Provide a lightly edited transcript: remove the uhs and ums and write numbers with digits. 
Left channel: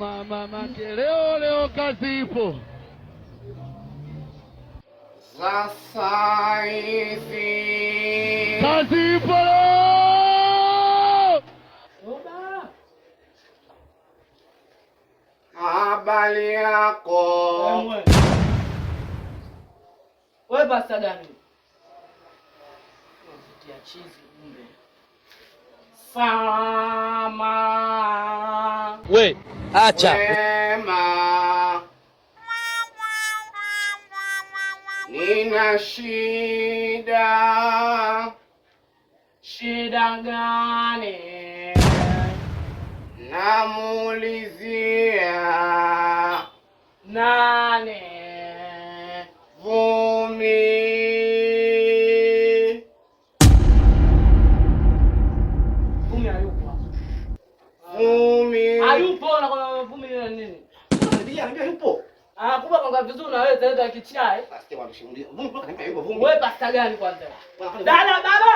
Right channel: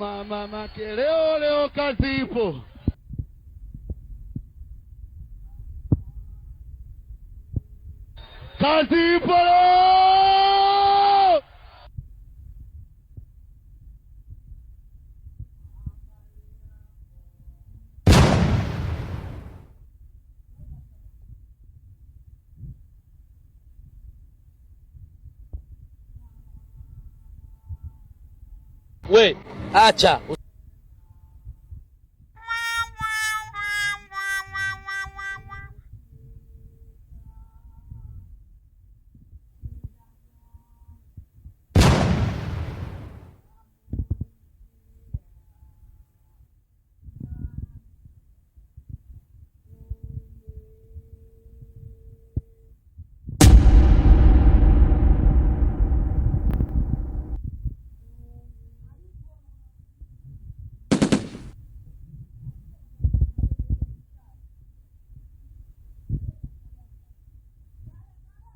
mama leo kazi ipo. Sasa hivi kazi ipo. habari yako? Wewe basta gani? Tia chizi kumbe. Sama. We, acha. Ema. Nina shida. Shida gani? Namuulizia nani? Vumi. Vumi hayupo. Vumi. Hayupo na kwa Vumi ni nini? Ndio yupo. Kumbe kanga vizuri na wewe zaenda kichai. Basi wanashimulia. Vumi mpaka nipa yupo Vumi. Wewe basta gani kwanza? Dada baba.